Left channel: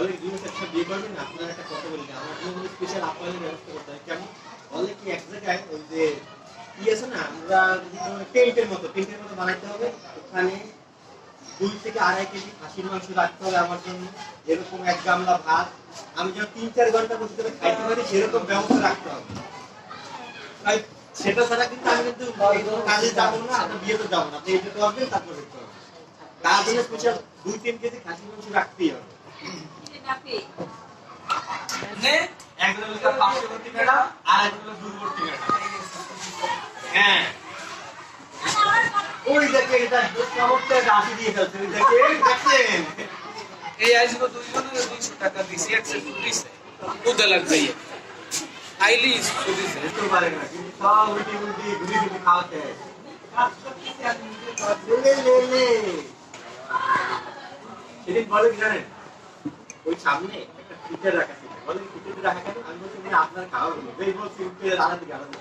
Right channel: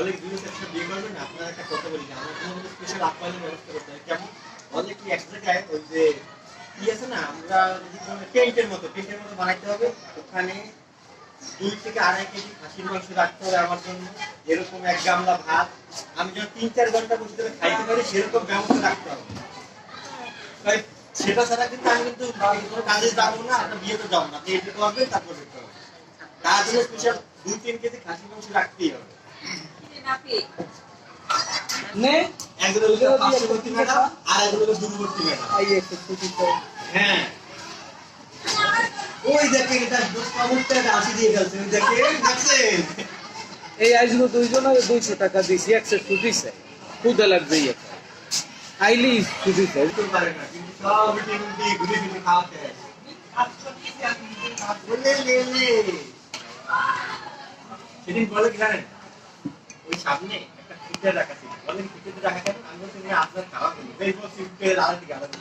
বলে দুটো একটা বিয়ে করবেন আপনার একটা কথা বলি আমার জন্য স্পেশাল আপ্যায়নের ব্যবস্থা করতে হবে কেমন বলে কি এক জায়গায় ওই যে কি আছে না আমরা টেন্টের মতো বানাইতে হবে ওখানে 2 থেকে 2.5 কেজি খাসির মাংস রাখতে হবে আমার জন্য এরকম 1 গামলা ভাত আমি যখন 3-4 ঘন্টা বসে ধরে খাইতে পারি সেরকম ব্যবস্থা রাখতে হবে তাই সেটা ছাড়া কিন্তু আমি কিন্তু কাজে যাবো না আপনার বিয়েতে যাবো না আপনি এটা করবেন তারপর দেখতে হবে তার জন্য স্পেশাল 2-3 কেজি খাসির মাংস রাখতেই হবে নে একজন হলো পার্শ্ববর্তী ম্যাডাম আর একজন হলো দূরবর্তী ম্যাডাম হ্যাঁ ওই দেখে এটা চমৎকার আসি দিয়ে ফেলছে ওই দেখে দেখছেন এই আইজগুলো দুইজন হবে 200 টাকা দিয়েছি একসেপ্ট দিছে খুদে লাগবে আইলি দিছে তো পারে না কিন্তু সব টেবিল দিয়ে ঘুরে ঘুরে খাওয়াতে বলে লে সেদিন বলে কি জানেন ওই সামনে একটা ফিচার রাখা ছিল বলে ফিচার রাখা কেন আমি বলছি আপনার খাওয়া বলি এই বলছি আলাদা